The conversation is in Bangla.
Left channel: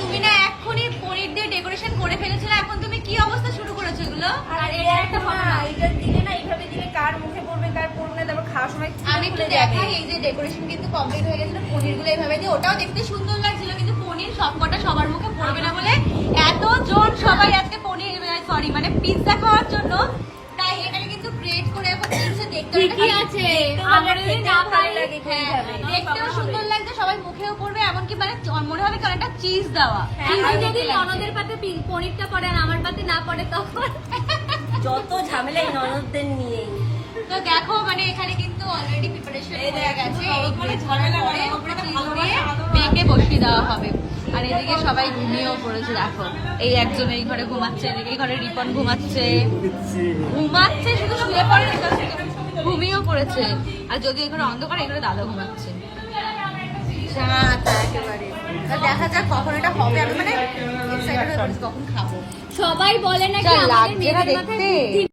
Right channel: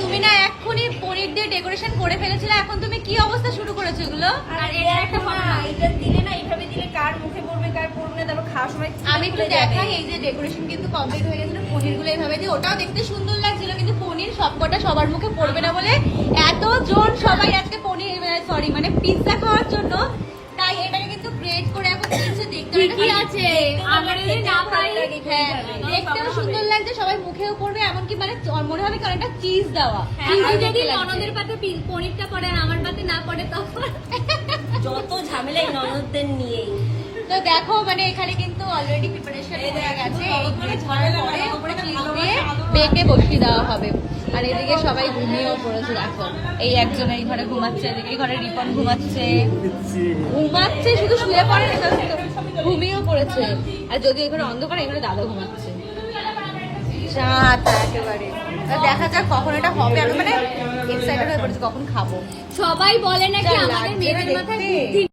তুমি না এক্ষুনি পনির দিয়ে ডেকোরেশন করে ফেলেছিলে, এখন তুমি কি অবস্থা শুরু করেছো এগুলো? আর এটা একটা ফটো না, এটা দিলে না এইভাবে দিলে কার মুখে পড়বে কার পড়বে না, তারপর খাওয়ার সময় আমি একটু দেখাই, এই যে ডেকোরেশন কিন্তু কমপ্লিট হয়ে গেছিল, পনিরগুলো এইভাবে দিয়ে, ওটাও দেখতে সুন্দর লাগছিল, কিন্তু পনির সবকটা সবার মুখে পড়বে না বলে এতজন সবাই আজকে পনির সরি মানে পিৎজা খাওয়ার জন্য, তাই এটাকে কিন্তু ব্রেড করে এখন দিচ্ছে। দেখতে ঠিকই আছে, আমরা যদি না পারি দেখতেও সুন্দর লাগছে, সবাই মুখেও পড়বে, এমনকি মানে মনে হবে কারণটা চিজ দেওয়া। কিন্তু যদি ননদের পাতে পনিরটা পড়ে আর আমার পাতে না পড়ে তখন যত ঝামেলা এই ননদদের নিয়েই। তো দেখো মানে এখানে কিন্তু অলরেডি প্রিপারেশন হয়ে গেছে, মানে ঝামেলা মানে উপরে বেকে বসিয়ে দেওয়া হবে। আর এদিকে সবাই ঘুমিয়েও পড়েছে, দেখো এই একজন এই ঘরে ঘুমাচ্ছে, এদিকে এই ঘরে রিপন ঘুমাচ্ছে, শুধু শুয়ে পড়ে ঘুমিয়েও পড়েছে। আর যদি এই ঘরে অন্ধকার, এই ঘরে দাদা ঘুমাচ্ছে। একেবারে দেখা যাক কখন এটা হবে, আমি মানে এক্সাইটেড হয়ে পড়েছি কখন খাবো। সবাই বলে নাকি আমাদের লাগছে না মেয়েদের মাথায় দেখতে। বুদ্ধি